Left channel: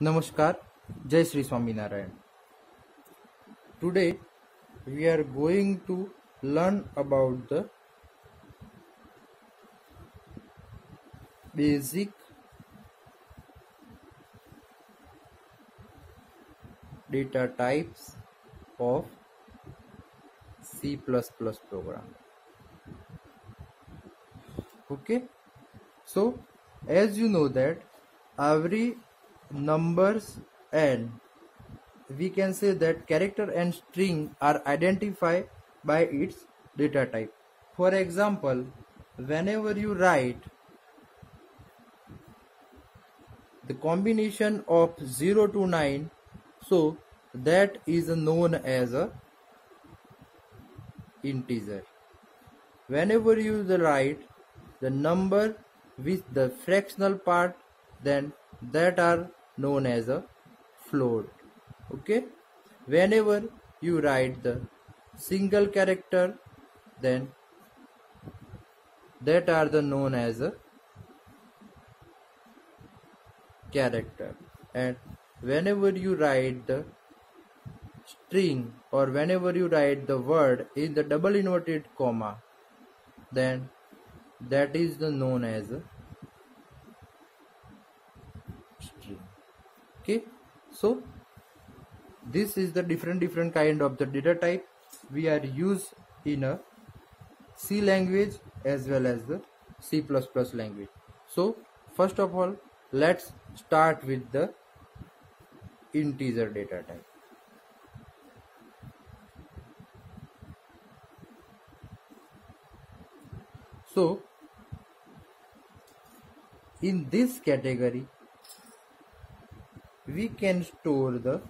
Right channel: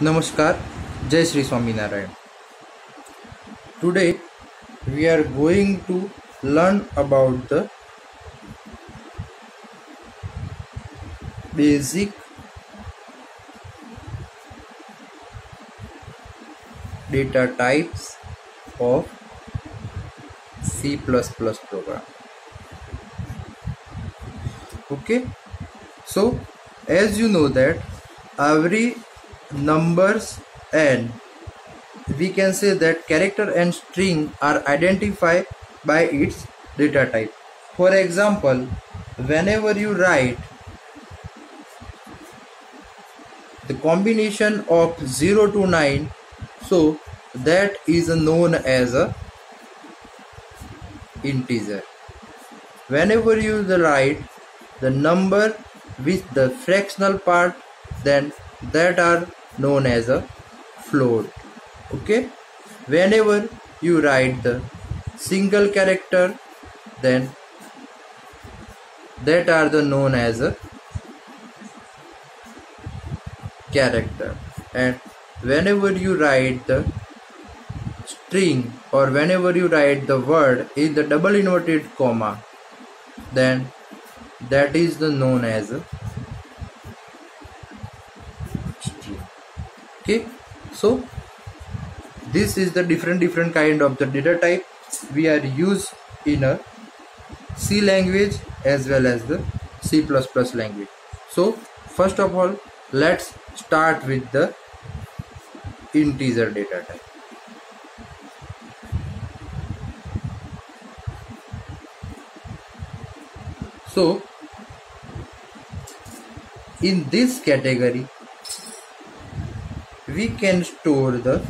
Namaskar, Jai Sri Swaminarayan. Today we are going to learn about the basic data types of C++ program. Okay, so as you know that every numbers and we can say that character and string are identified by its data type. For example, whenever you write the combination of 0 to 9, so that is known as a integer. Whenever you write the number with the fractional part, then that are known as a float. Okay, whenever you write the single character, then that are the known as a character. And whenever you write the string or whenever you write the word in the double inverted comma, then that is the known as a string. Okay, so this is the different kind of the data type we are used in a C language as well as the C++ language. So first of all, let's start with the integer data type. So in this category we can store the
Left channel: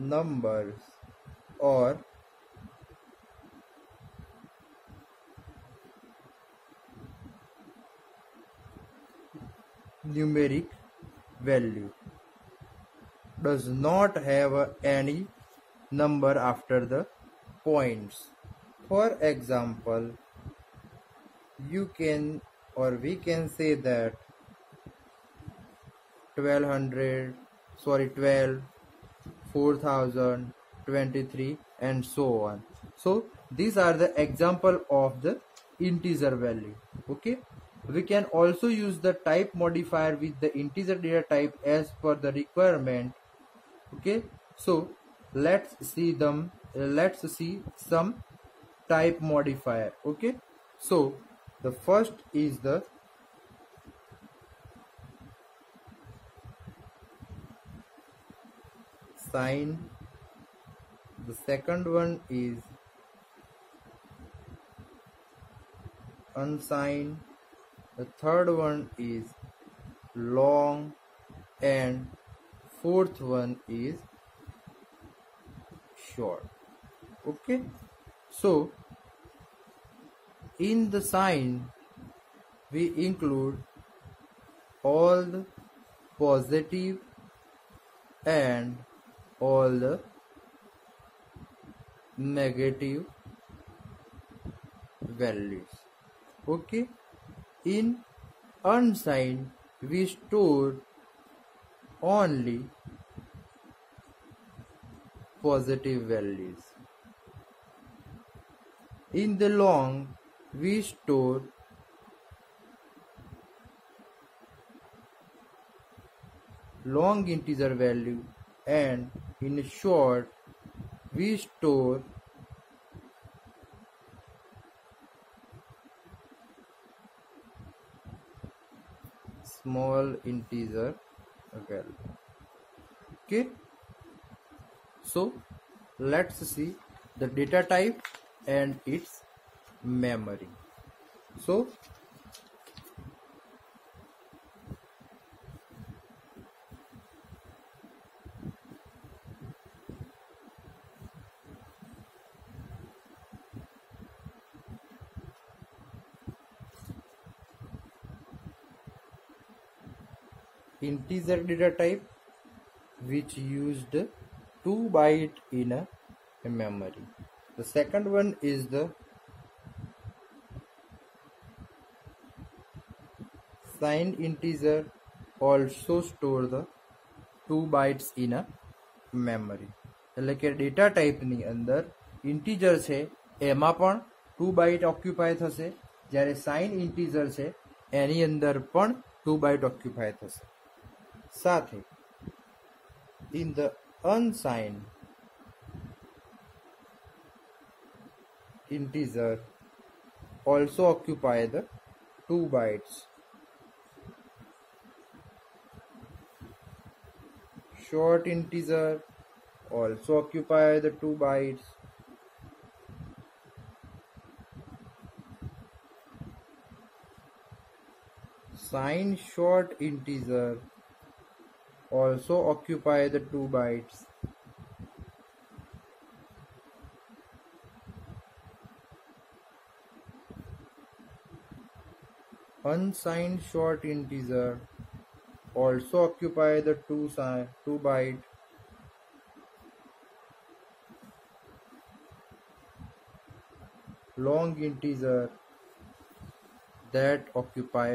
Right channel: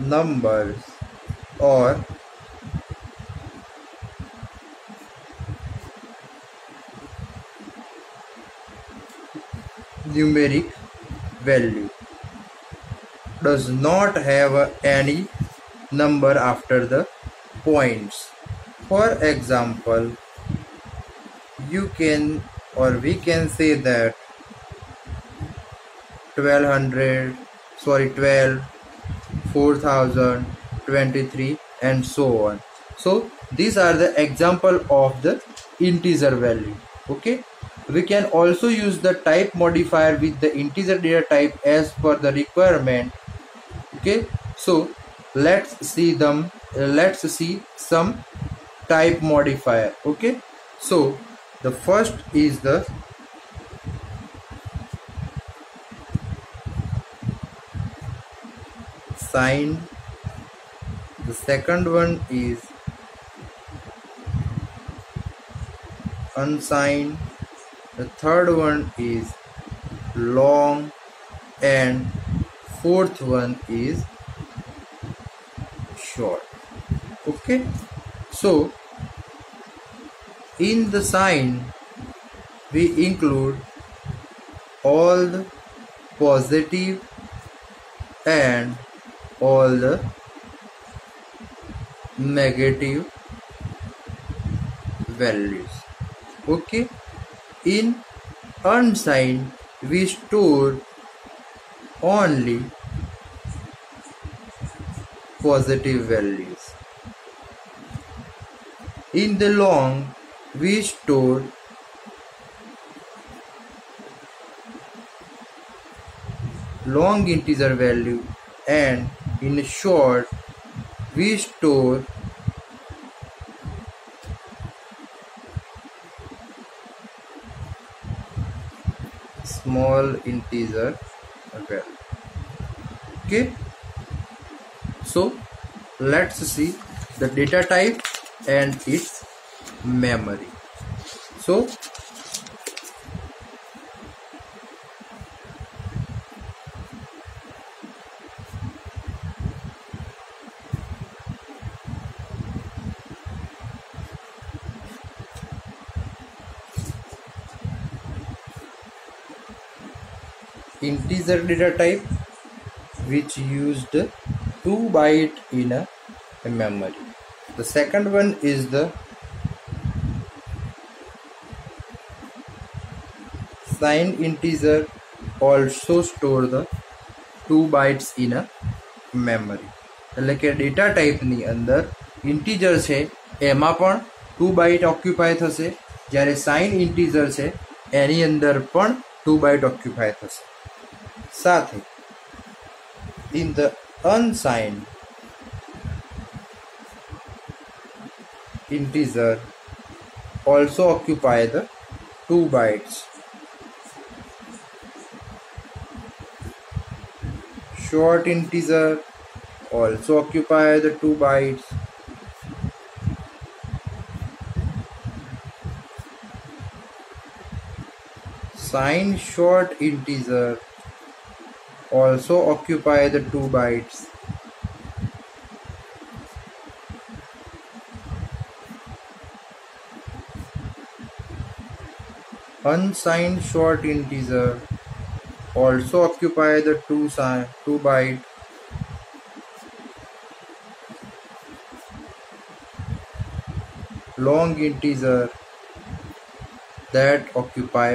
numbers or numeric value, does not have any number after the points. For example, you can or we can say that 1200, 12, 4000, 23 and so on. So these are the example of the integer value. Okay, we can also use the type modifier with the integer data type as per the requirement. Okay, so let's see some type modifier. Okay, so the first is the signed, the second one is unsigned, the third one is long, and fourth one is short. Okay, so in the sign we include all the positive and all the negative values. Okay, in unsigned we store only positive values. In the long we store long integer value, and in short we store small integer value. Okay, so let's see the data type and its memory. So integer data type which used 2 byte in a memory. The second one is the Signed integer also store the 2 bytes in a memory. એટલે કે data ટાઈપની અંદર integer છે એમાં પણ 2 byte occupy થશે, જ્યારે sign integer છે એની અંદર પણ 2 બાઇટ ઓક્યુપાય થશે. સાથે in the unsigned integer also occupy the 2 bytes. Short integer also occupy the 2 bytes. Signed short integer also occupy the 2 bytes. Unsigned short integer also occupy the 2 byte. Long integer that occupy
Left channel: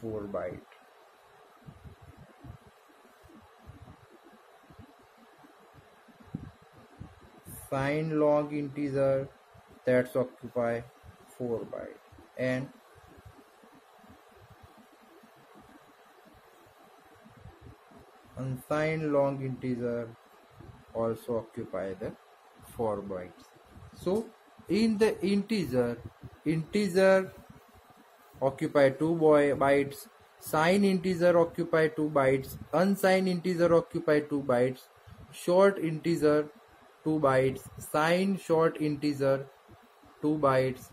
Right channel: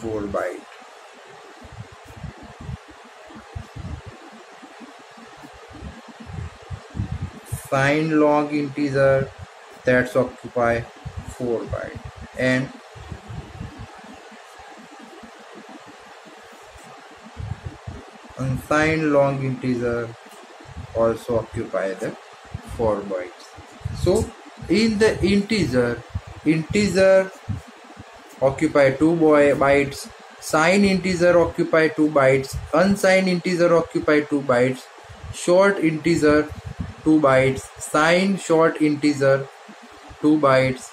4 byte. Signed long integer that's occupy 4 byte, and unsigned long integer also occupy the 4 bytes. So in the integer occupy 2 bytes, signed integer occupy 2 bytes, unsigned integer occupy 2 bytes, short integer 2 bytes, signed short integer 2 bytes,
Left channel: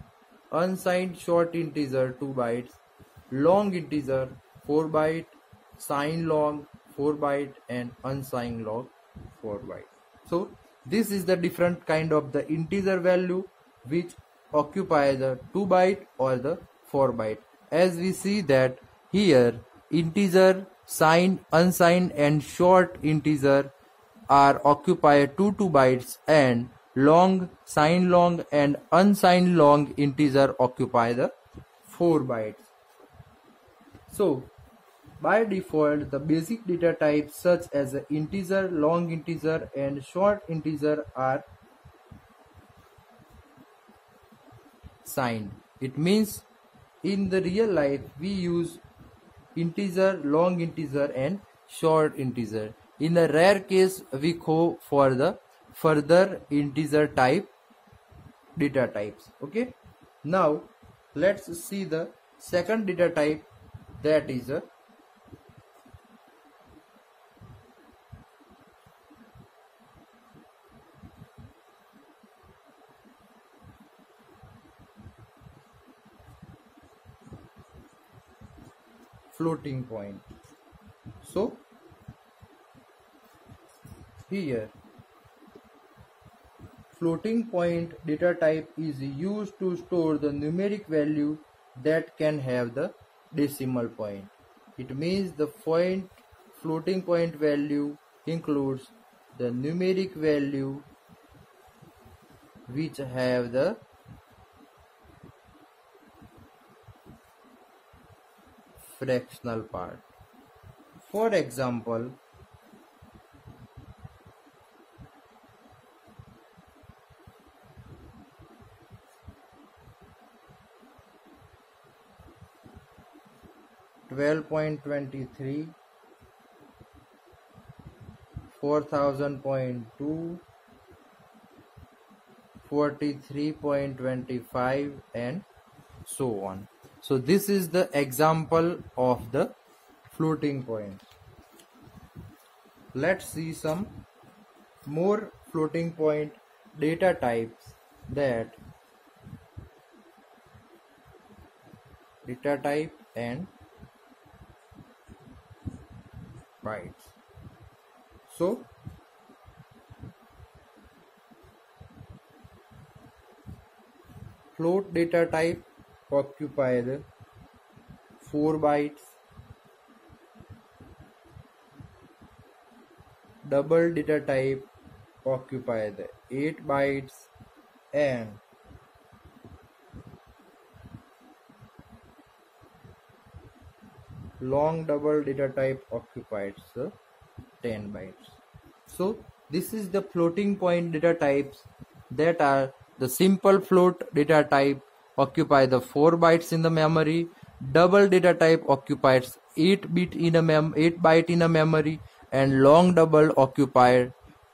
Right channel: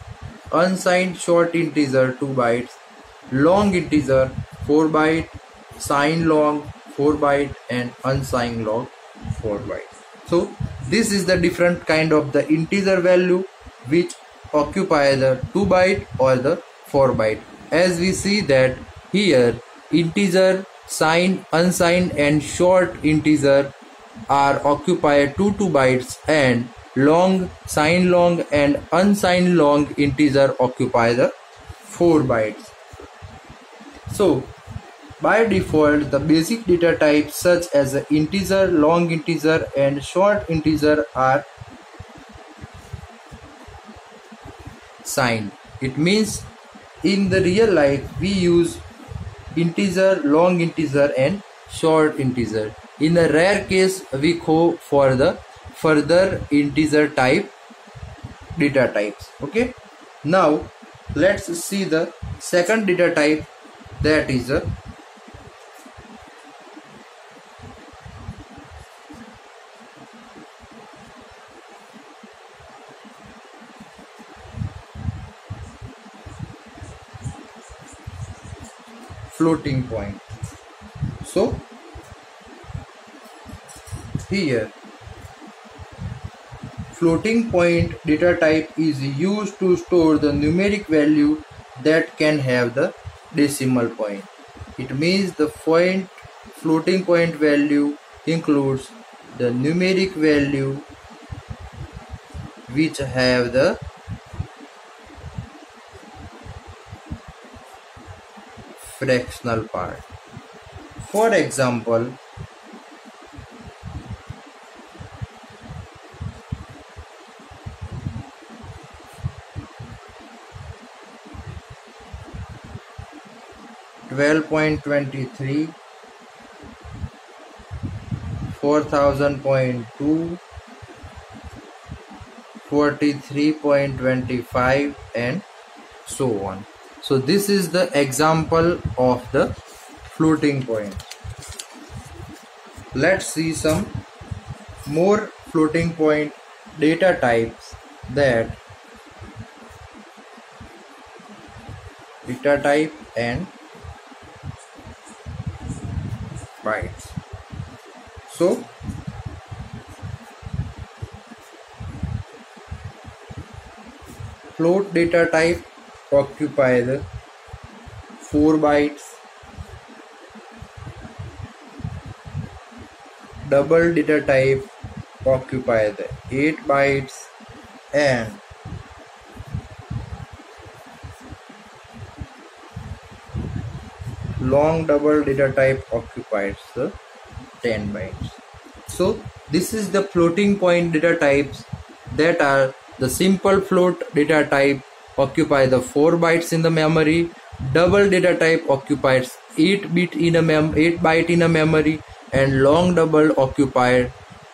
unsigned short integer 2 bytes, long integer 4 byte, signed long 4 byte, and unsigned long 4 byte. So this is the different kind of the integer value which occupy the 2 byte or the 4 byte. As we see that here integer, signed, unsigned and short integer are occupied 2 bytes, and long, signed long and unsigned long integer occupy the 4 bytes. So by default the basic data types such as integer, long integer and short integer are signed. It means in the real life we use integer, long integer and short integer. In a rare case we go for the further integer type data types. Okay, now let's see the second data type, that is a floating point. So here floating point data type is used to store the numeric value that can have the decimal point. It means the floating point value includes the numeric value which have the fractional part. For example, 12.23, 4000.2, 43.25 and so on. So this is the example of the floating point. Let's see some more floating point data types, that data type and bytes. So float data type occupy the 4 bytes, double data type occupy the 8 bytes, and long double data type occupies the 10 bytes. So this is the floating point data types, that are the simple float data type occupy the 4 bytes in the memory, double data type occupies 8 byte in a memory, and long double occupy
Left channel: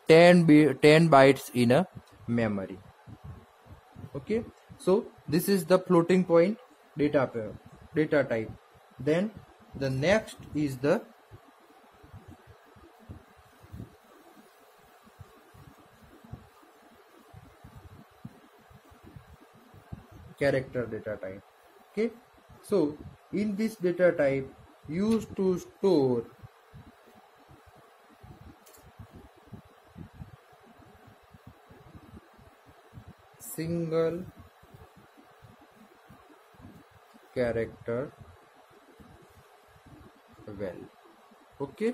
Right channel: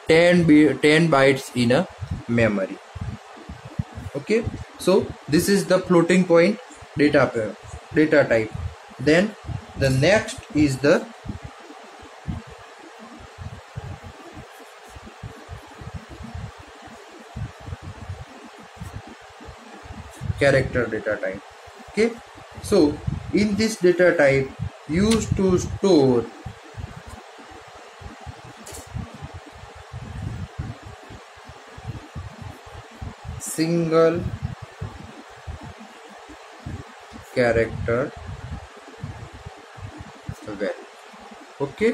10 bytes in a memory. Okay, so this is the floating point data type. Then the next is the character data type. Okay, so in this data type used to store single character value. Okay,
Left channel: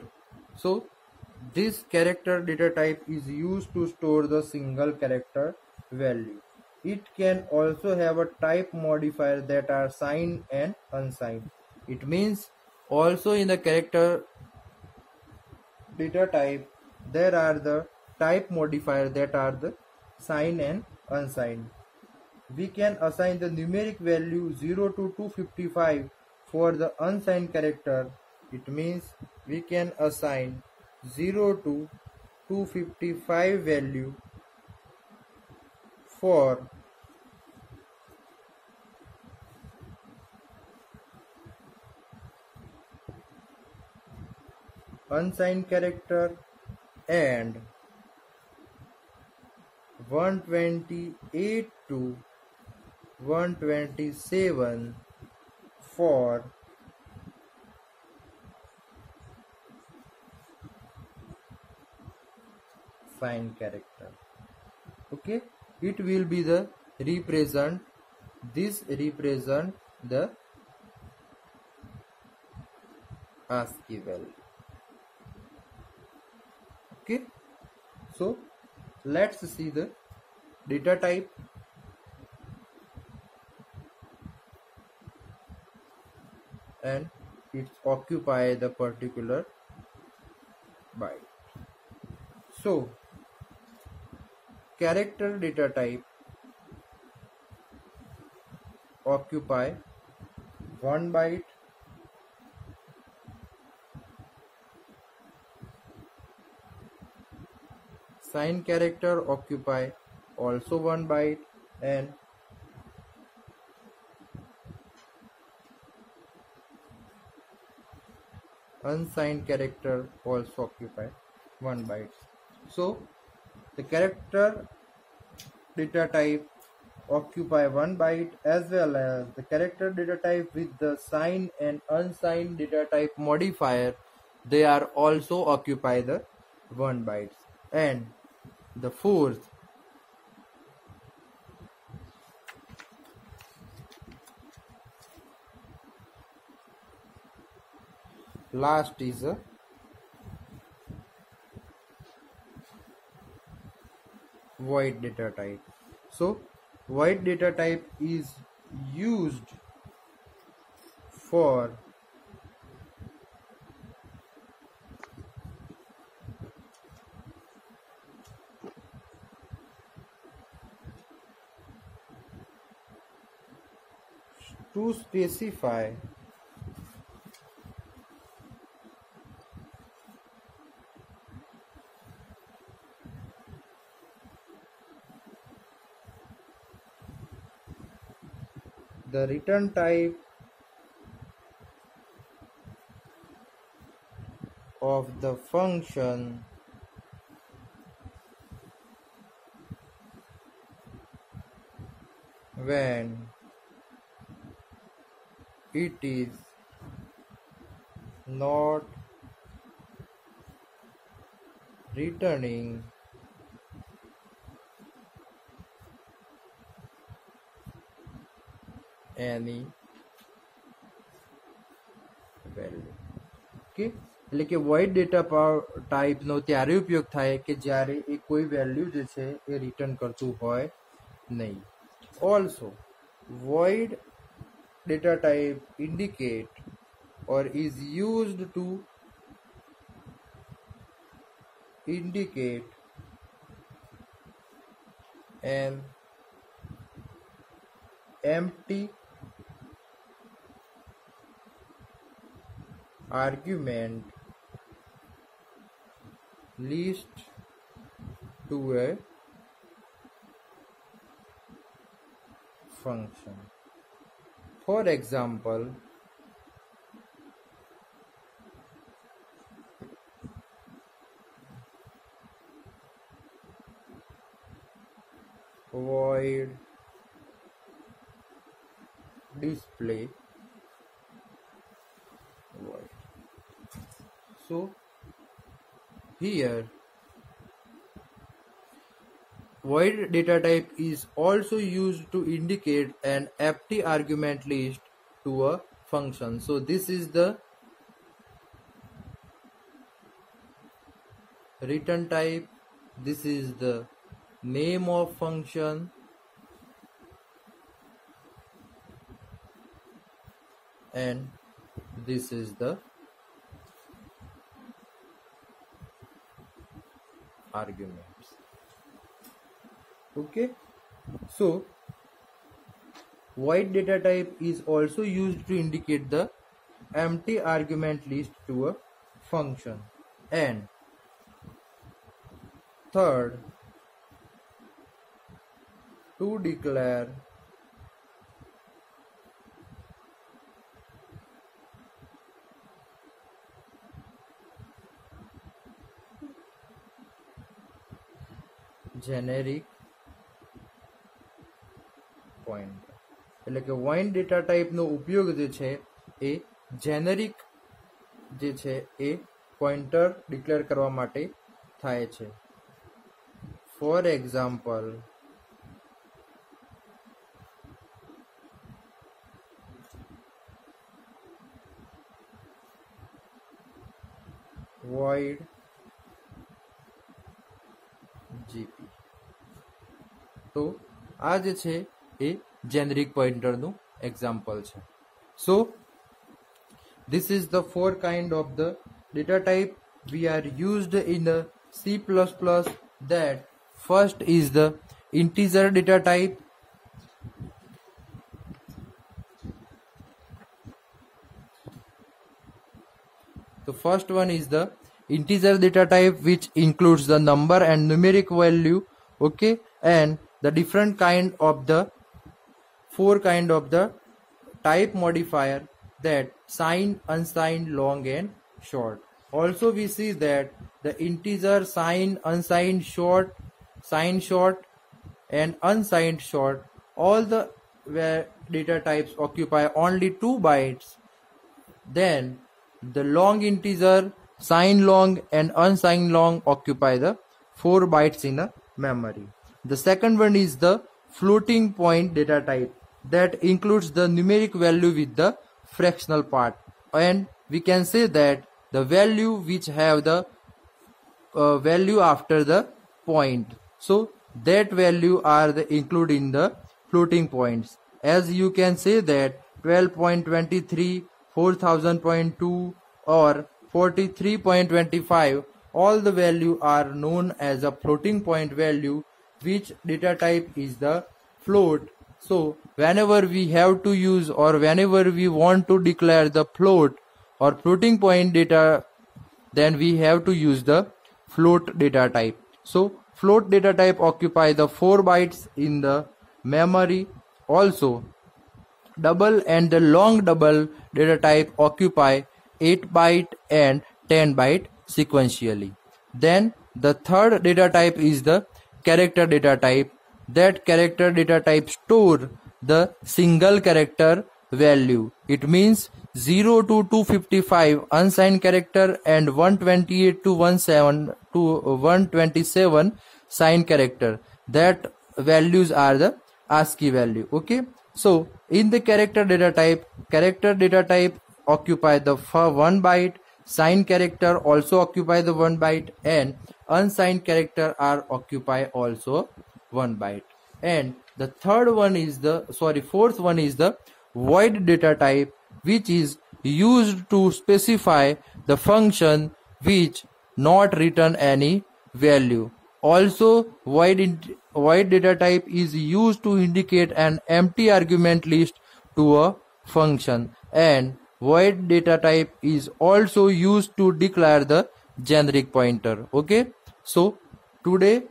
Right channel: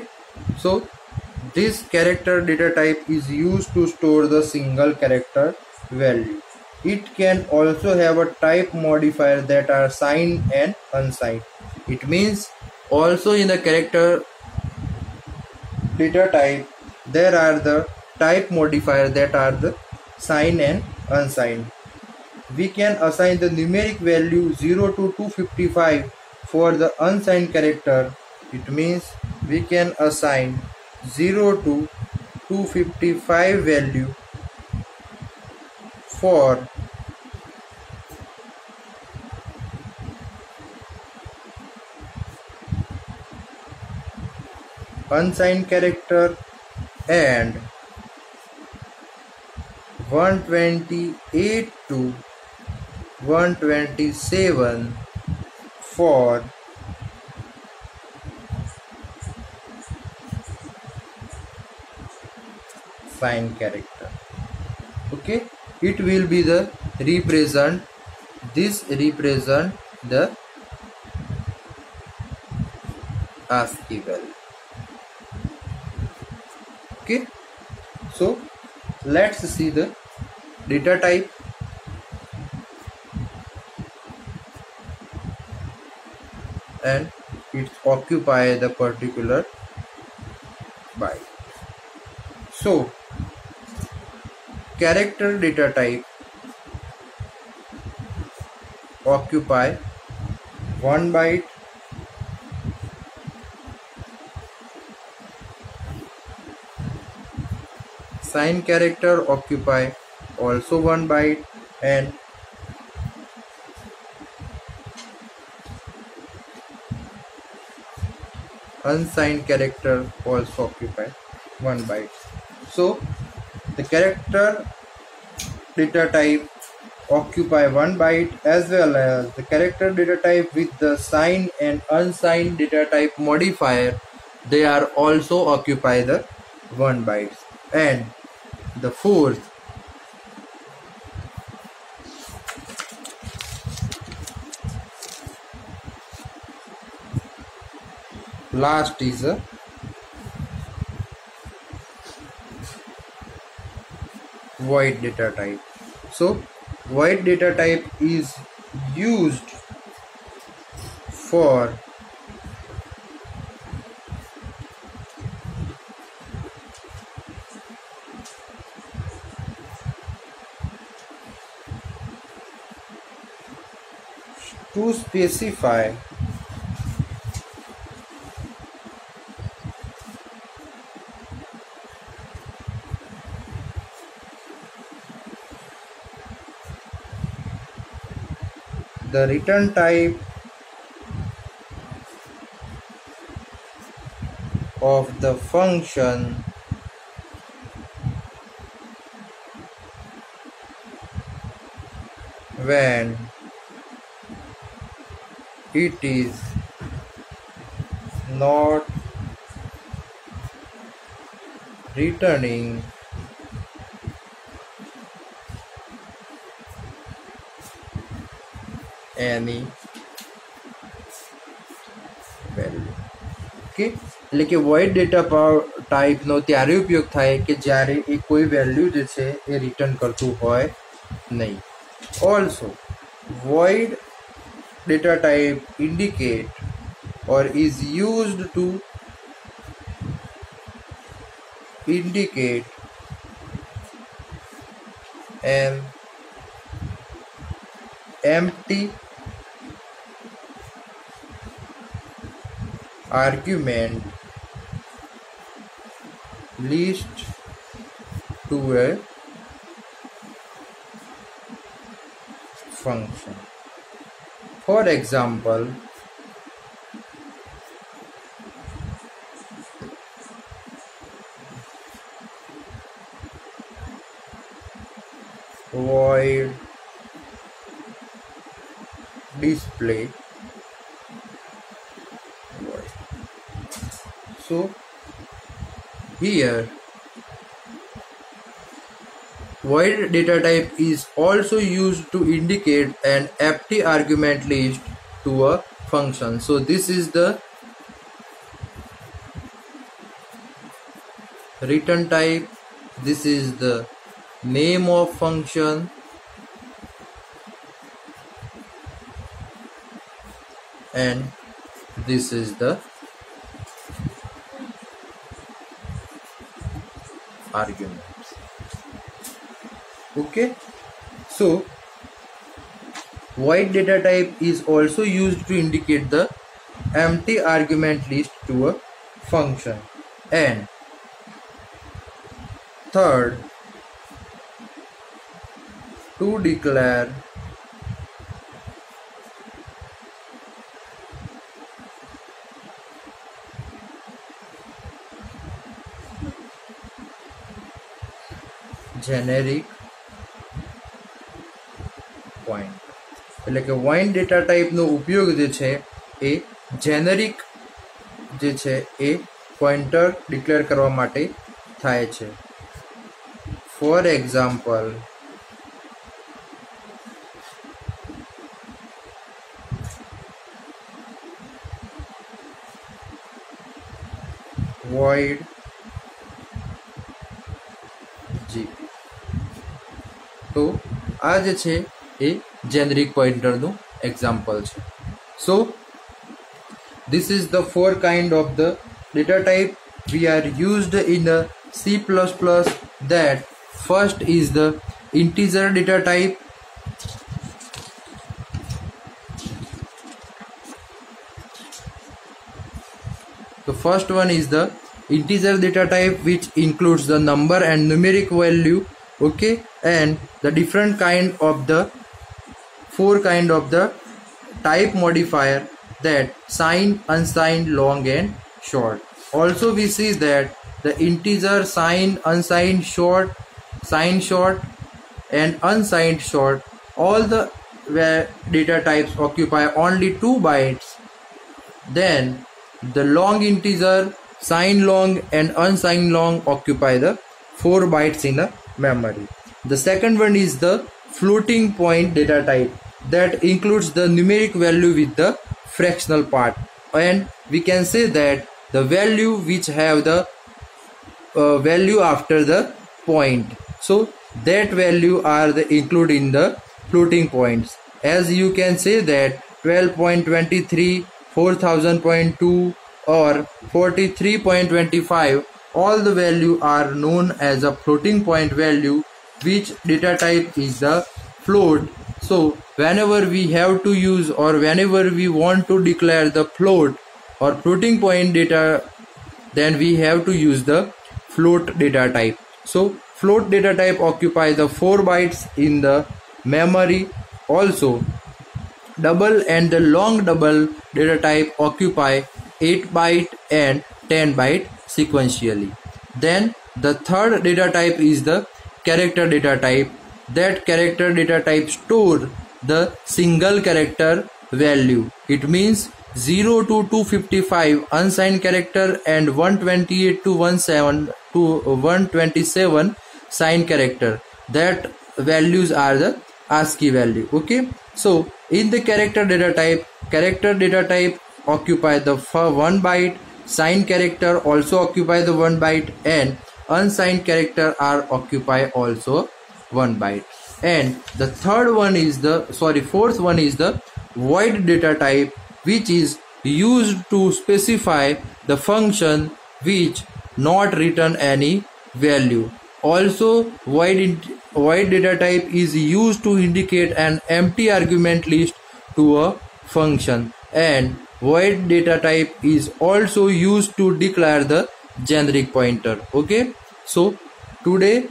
so this character data type is used to store the single character value. It can also have a type modifier that are signed and unsigned. It means also in the character data type there are the type modifier that are the signed and unsigned. We can assign the numeric value 0 to 255 for the unsigned character. It means we can assign 0 to 255 value for unsigned character and 128 to 127 for signed character. Okay, it will be the represent, this represent the ASCII value. Okay, so let's see the data type. And it occupy the particular byte. So character data type occupy 1 byte, signed character occupy also 1 byte, and unsigned character also occupy 1 byte. So the character data type occupy 1 byte, as well as the character data type with the signed and unsigned data type modifier, they are also occupy the 1 bytes. And the fourth, last is a void data type. So void data type is used for to specify the return type of the function when it is not returning any value. Okay, એટલે કે void data type નો ત્યારે ઉપયોગ થાય કે જ્યારે એ કોઈ value જે છે એ રિટર્ન કરતું હોય નહીં. Also void data type indicate or is used to indicate an empty argument list to a function. For example, void display void. So here void data type is also used to indicate an empty argument list to a function. So this is the return type, this is the name of function, and this is the arguments. Okay, so void data type is also used to indicate the empty argument list to a function. And third, to declare generic point, એટલે કે void data type નો ઉપયોગ જે છે એ generic જે છે એ pointer declare કરવા માટે થાય છે. For example, void gp. તો આ જે છે એ જેનરિક પોઇન્ટરનું એક્ઝામ્પલ છે. સો this is the four kind of the data type we are used in the C++. That first is the integer data type, the first one is the integer data type, which includes the number and numeric value. Okay, and the different kind of the four kind of the type modifier, that signed, unsigned, long and short. Also we see that the integer, signed, unsigned, short, signed short and unsigned short, all the data types occupy only 2 bytes. Then the long integer, signed long and unsigned long occupy the 4 bytes in the memory. The second one is the floating point data type, that includes the numeric value with the fractional part, and we can say that the value which have the value after the point, so that value are the included in the floating points. As you can say that 12.23, 4000.2 or 43.25, all the value are known as a floating point value, which data type is the float. So whenever we have to use or whenever we want to declare the float or floating point data, then we have to use the float data type. So float data type occupy the 4 bytes in the memory. Also double and the long double data type occupy 8 byte and 10 byte sequentially. Then the third data type is the character data type. That character data type store the single character value. It means 0 to 255 unsigned character and 128 to 127 signed character. That values are the ASCII value. Okay, so in the character data type occupy the 1 byte, signed character also occupy the 1 byte, and unsigned character are occupy also 1 byte. And the fourth one is the void data type, which is used to specify the function which not return any value. Also, void data type is used to indicate an empty argument list to a function, and void data type is also used to declare the generic pointer. Okay, so today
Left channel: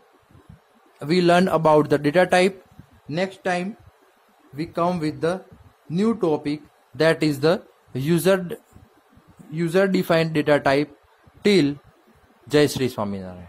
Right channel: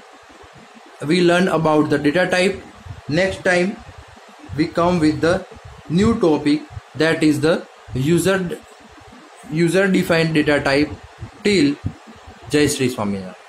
we learn about the data type. Next time we come with the new topic, that is the user defined data type. Till Jai Shri Swaminarayan.